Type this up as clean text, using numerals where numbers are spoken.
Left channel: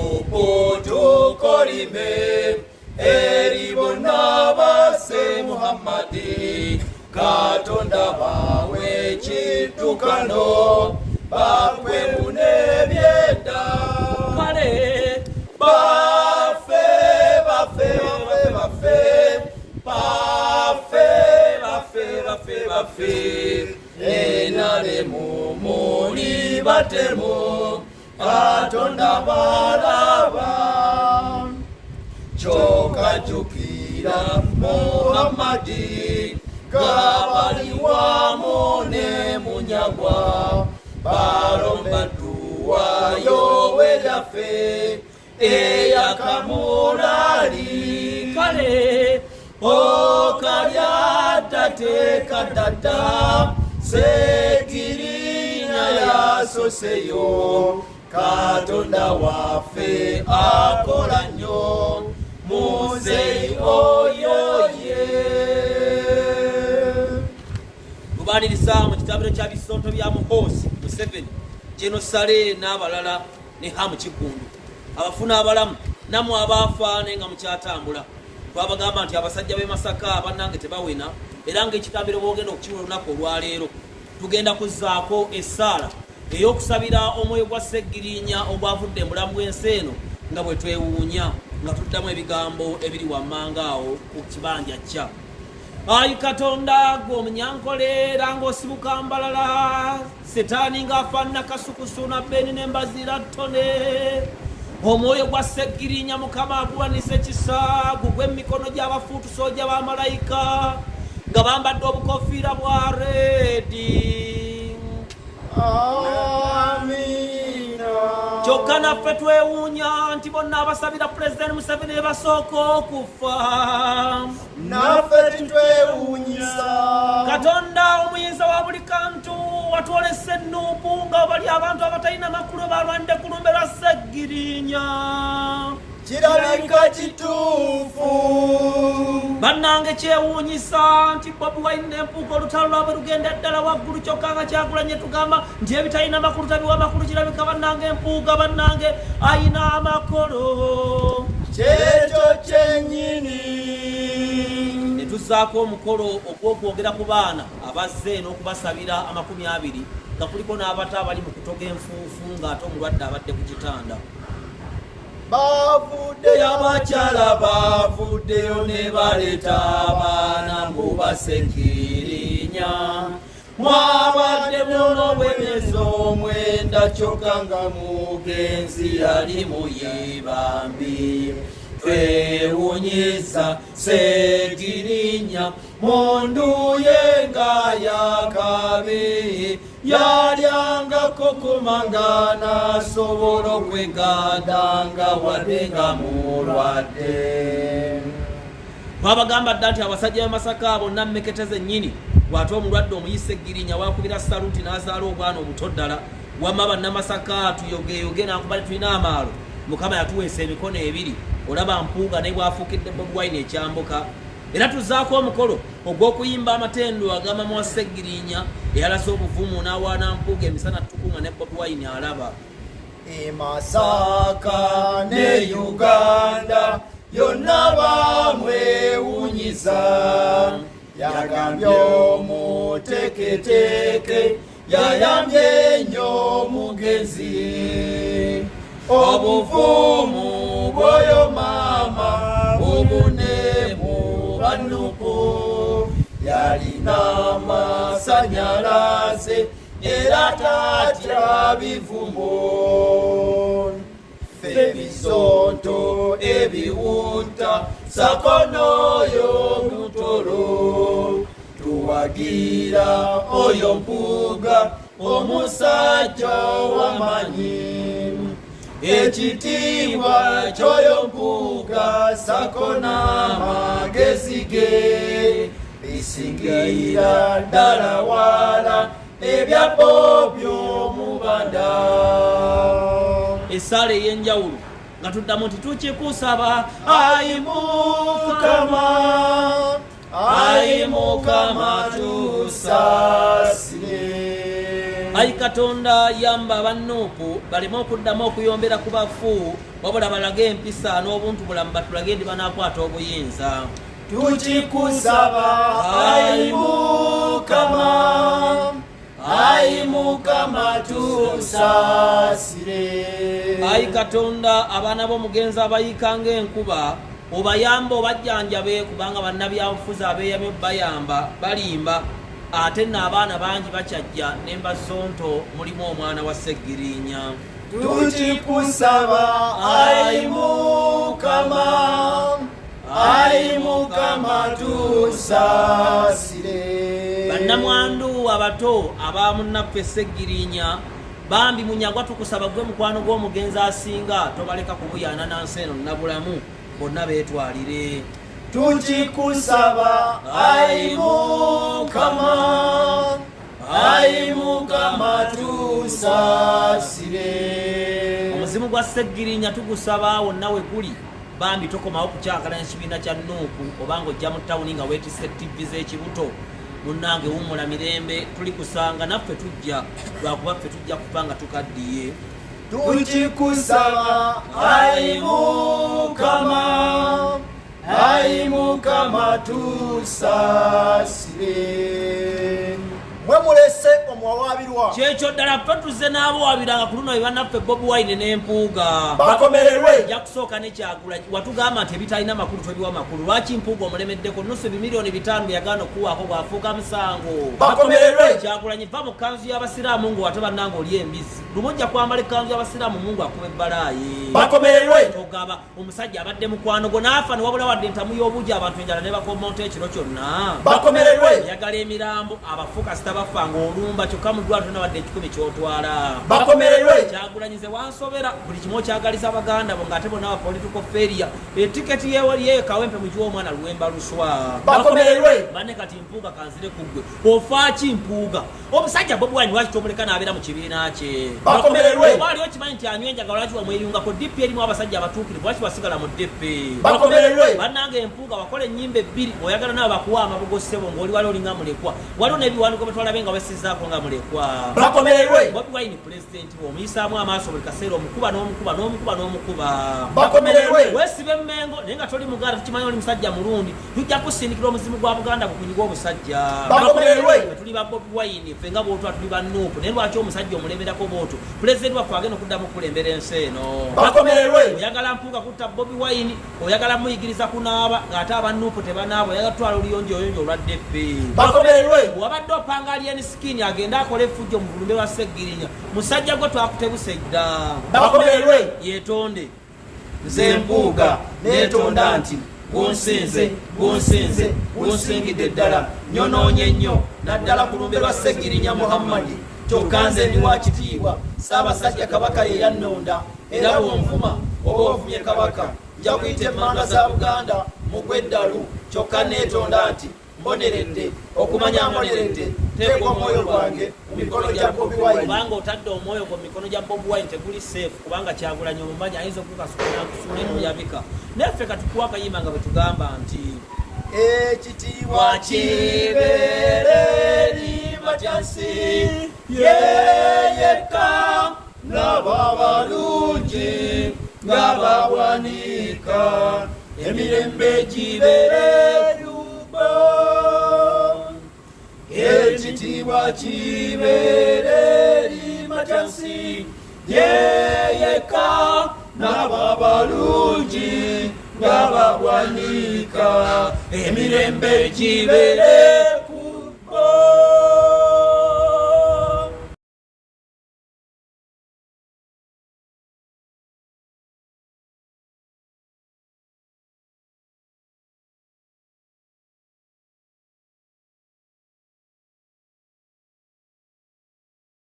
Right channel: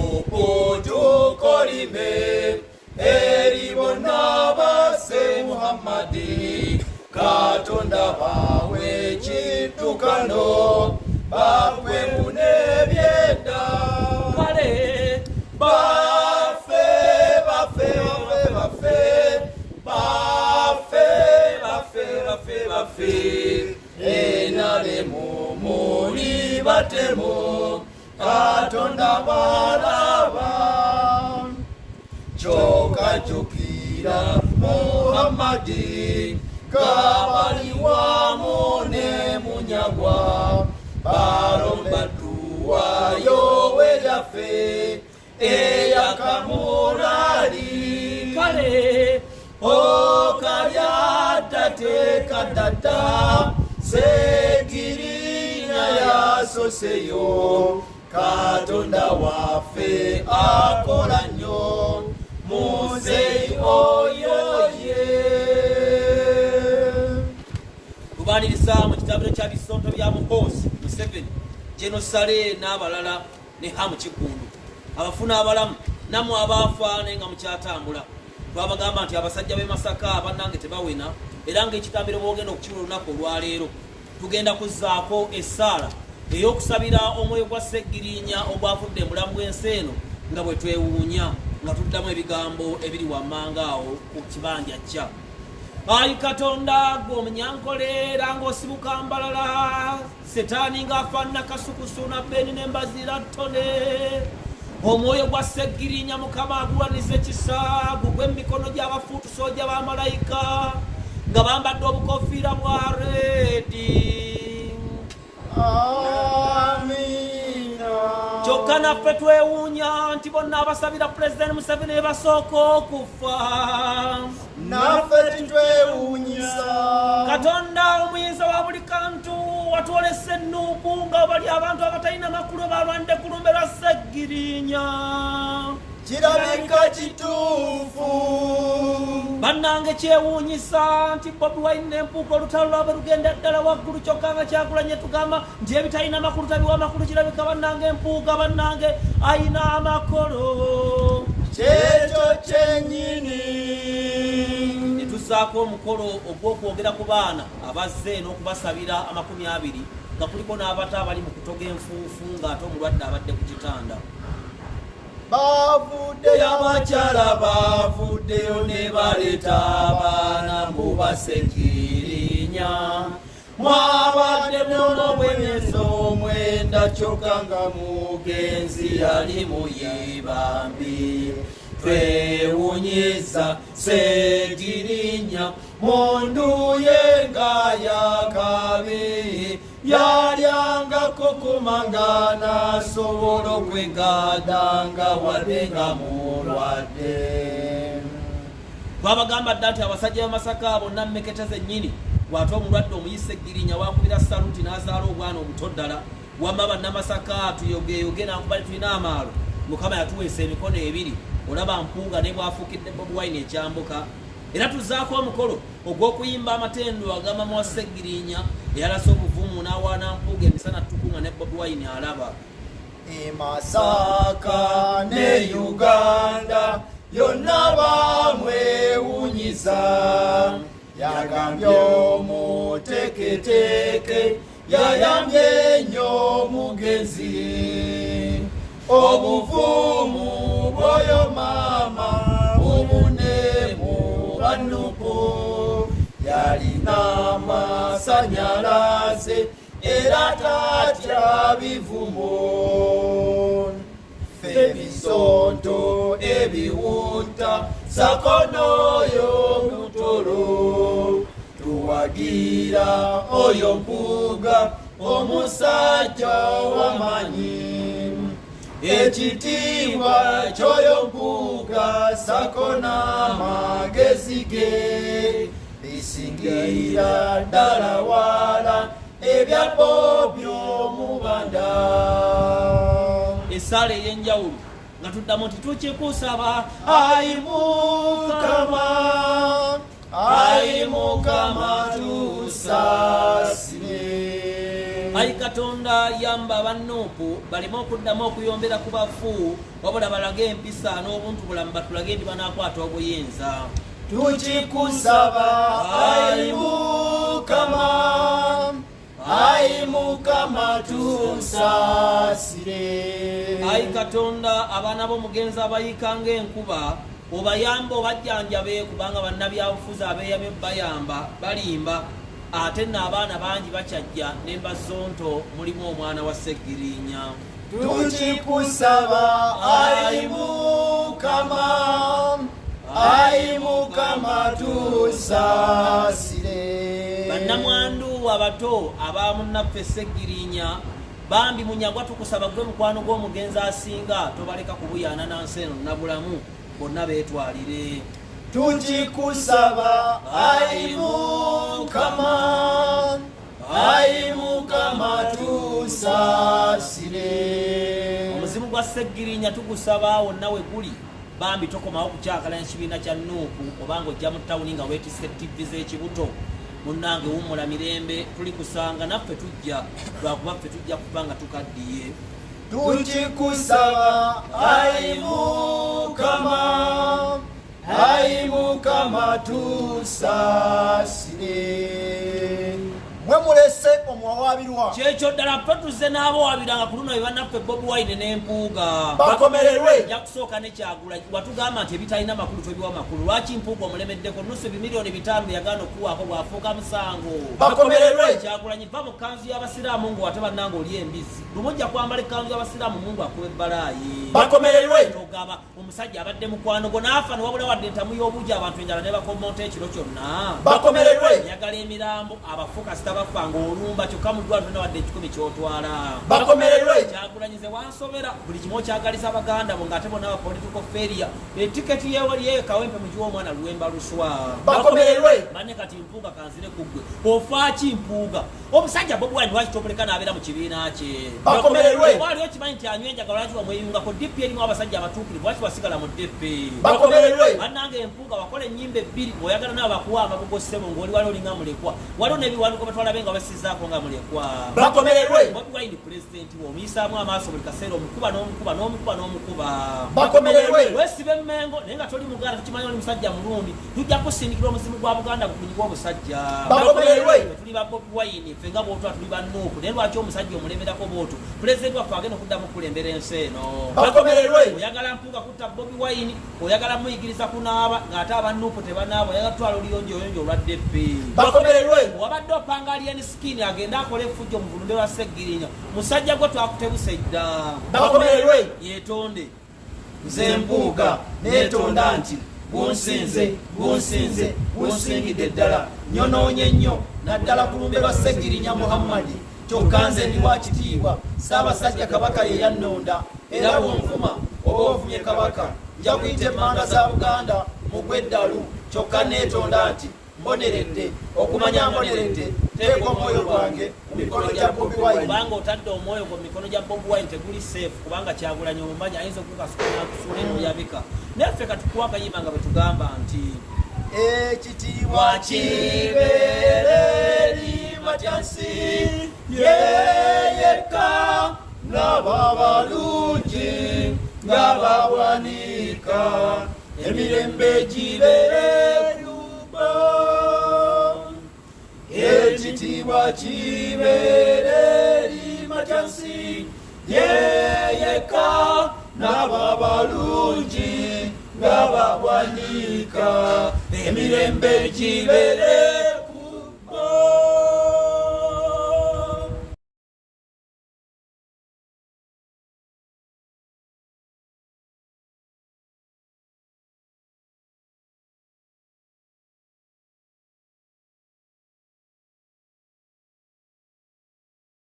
okutukolime eribona base Muhammadi Katonda bawe chitukano bakwe munebyenda kale bafe enale mumuli batemu Katonda balaba choka jukira Muhammadi kabaliwa mone munyagwa balomba duwa yowedafe eyakamulali kale okalyadate kadata segirinya yasoseyo Katonda wafe akola nnyo muzeyi oyoye. tubaniriza mu kitabiro kya bisooto bya Muhoozi Museveni kino Sale n'abalala ne Hamu Kigundu abafuna abalamu namwe abaafa naye nga mukyatambula twabagamba nti abasajja b'e Masaka bannange tebawena era ng'ekitabiro boogenda okukiwa olunaku olwaleero tugenda kuzzaako essaala ey'okusabira omwoyo gwa Sseggirinya ogwavudde mu bulamu bw'ensi eno nga bwe twewuunya nga tuddamu ebigambo ebiri wammanga awo ku kibanja kya ayi Katonda gw'omunyankoleera ng'osibuka mbalala setaani ng'afaanana kasukusu na bbeni n'embazira ttone omwoyo gwa Sseggirinya Mukama aguwanise ekisa gugwe emikono gy'abafuutusooja ba malayika nga bambadde obukofiira bwa reedi. Amina. Kyokka naffe twewuunya nti bonna abasabira Pulezidenti Museveni ne basooka okufa naffe titwewuunyisa. Katonda omuyinza wa buli kantu watwolesa ennuuku nga bali abantu abatalina makulu balwanidde ku lumbe lwa Sseggirinya kirabika kituufu. bannange kyewuunyisa nti Bobi Wine n'empuuka olutalo lwabwe lugenda ddala waggulu kyokka nga Kyagulanyi tugamba nti ebitalina makulu taliwa makulu kirabika bannange empuuka bannange ayina amakolo kyekyo kyennyini. ne tussaako omukolo ogw'okwogera ku baana abazze n'okubasabira 20 nga kuliko n'abato abali mu kutoga enfuufu ng'ate omulwadde abadde ku kitanda. Bavuddeyo abakyala bavuddeyo ne baleeta abaana mbu Sseggirinya mwabadde n'obwenyezi omwenda kyokka nga mugenzi yali muyibambi twewuunyiza Sseggirinya munduye nga yakabi yalyangako kumanga nasobola okwegadanga wadde nga mulwadde. Twabagamba dda nti abasajja b'e Masaka bonna mmeketeze nnyini bw'ate omulwadde omuyise Sseggirinya wakubira saluti n'azaala obwana obuto ddala wamma bannamasaka tuyogeyoge nankubali tulina amaalo Mukama yatuweesa emikono ebiri olaba mpuuga naye bwafuukidde Bobi Wine ekyambuka era tuzzaako omukolo ogw'okuyimba amatendo ag'amama wa Sseggirinya eyalasa obuvumu n'awaana mpuuga emisana tukunga ne Bobi Wine alaba. E Masaka ne Uganda yonna bamwewunyiza yagambye omuteeketeeke yayambye nnyo omugenzi obuvumu bw'oyo maama obunemu bannuko yalina amasanyalaze era tatya bivumo ffe bisonto ebiwunta sakonoyo mutolo tuwagira oyo mpuuga omusajja w'amanyi ekitiibwa ky'oyo mpuuga sako n'amagezi ge bisingira ddala wala ebyabbo by'omubanda. Essaala ey'enjawulo nga tuddamu nti tukikusaba ayi Mukama ayi Mukama tusaasire. ayi Katonda yamba abannuupu baleme okuddamu okuyombera ku bafu wabula balage empisa n'obuntu bulamu batulage ndi banaakwata obuyinza. Tukikusaba ayi Mukama, ayi Mukama tusaasire. Ayi Katonda abaana b'omugenzi abayika ng'enkuba obayamba obajjanjabe kubanga bannabyabufuzi abeeyamye bayamba balimba ate n'abaana bangi bakyajja n'embasonto mulimu omwana wa Seggirinya. Tukikusaba ayi Mukama, ayi Mukama tusaasire. Bannamwandu abato abamunnaffe Seggirinya bambi munyagwa tukusaba gwe mukwano gw'omugenzi asinga tobaleka kubuyaana nansi eno nnabulamu bonna beetwalire. Tukikusaba ayi Mukama, ayi Mukama tusaasire. Omuzimu gwa Seggirinya tugusaba wonna we guli bambi tokomawo kukyakala ekibiina kya Nuupu obanga ojja mu tawuni nga weetisse TV z'ekibuto. Munnange wummula mirembe tulikusanga naffe tujja lwakuba ffe tujja kuba nga tukaddiye. Tukikusaba ayi Mukama, ayi Mukama tusaasire. Mwe mulese omwawabirwa kyekyo ddala totuze n'abawabiranga ku luno bannaffe Bobi Wine n'Empuuga bakomererwe. ja kusooka ne Kyagulanyi watugamba nti ebitalina makulu tobiwa makulu. Lwaki Mpuuga omulemeddeko nusu ebimiliyoni 5 yagaana okuwaako bw'afuuka musango. Bakomererwe. Kyagulanyi va mu kanzu y'abasiraamu ng'ate bannanga oli embizzi lumujja kwambala ekkanzu y'abasiraamu mungu akuba ebbalaayi. Bakomererwe. Togaba omusajja abadde mukwano gwo n'afa ne wabula wadde entamu y'obugi abantu enjala ne bakomonta ekiro kyonna. Bakomererwe. Yagala emirambo abafuka sitabafa ng'olumba kyokka mu ddwaliro nawadde ekikumi ky'otwala. Bakomererwe. Kyagulanyize wansobera buli kimu okyagaliza abaganda bo ng'ate bonna political failure etiketi yeewaliyeyo kawempe mu gy'omwana luwemba luswa. Bakomererwe. Bane kati Mpuuga kanzire ku ggwe ofaaki Mpuuga omusajja Bobi Wine lwaki tomuleka n'abeera mu kibiina kye. Bakomererwe. Waliwo kimanyi nti anywa enjagala lwaki wamweyungako DP erimu abasajja abatuukirivu lwaki wasigala mu DP. Bakomererwe. Bannange Mpuuga wakola ennyimba ebbiri oyagala nabo bakuwa amabugo ssebo ng'oli wali olinga mulekwa waliwo n'ebiwandiiko batwalabe nga basizaako nga mulekwa. Bakomererwe. Bobi Wine pulezidenti omuyisaamu amaaso buli kaseera omukuba n'omukuba n'omukuba n'omukuba. Bakomererwe. Weesibe Mmengo naye nga toli muganda tukimanyi oli musajja mulungi tujja kusindikira omuzimu gwa Buganda gukunyigwa omusajja. Bakomererwe. Tuli ba Bobi Wine ffe nga bwotwa tuli ba Nuupu naye lwaki omusajja omulemberako bwotyo pulezidenti waffe agenda okuddamu okukulembera ensi eno. Bakomererwe. Oyagala Mpuuga kutta Bobi Wine oyagala muyigiriza kunaaba ng'ate aba Nuupu tebanaaba oyagala tutwala oluyonjoyonjo olwa DP. Bakomererwe. Wabadde opanga alien skin agenda akola effujjo mu bulumbe bwa Seggirinya musajja gwe twakutebuse dda. Bakomererwe. Yeetonde Nze Mpuuga neetonda nti gunsinze gunsingidde ddala nyonoonye nnyo naddala ku lumbe lwa Seggirinya Muhammadi kyokka nze ndi wa kitiibwa Ssaabasajja Kabaka ye yannonda era bw'onfuma oba ovumye Kabaka nja kuyita emmanga za Buganda mu gw'eddalu kyokka neetonda nti mboneredde okumanya mboneredde teeka omwoyo gwange mu mikono gya Bobi Wine. kubanga otadde omwoyo gwo mu mikono gya Bobi Wine teguli safe kubanga Kyagulanyi omumanyi ayinza okukasukulira kusomero yabika naffe katukuwa akayimba nga bwe tugamba nti ekitiibwa kibeere eri Matyasi yeyekka ng'aba balungi ng'abawanika emirembe gibeere Luba. Ekitiibwa kibeere eri Matyasi yeyekka n'aba balungi ng'abawanika emirembe gibeere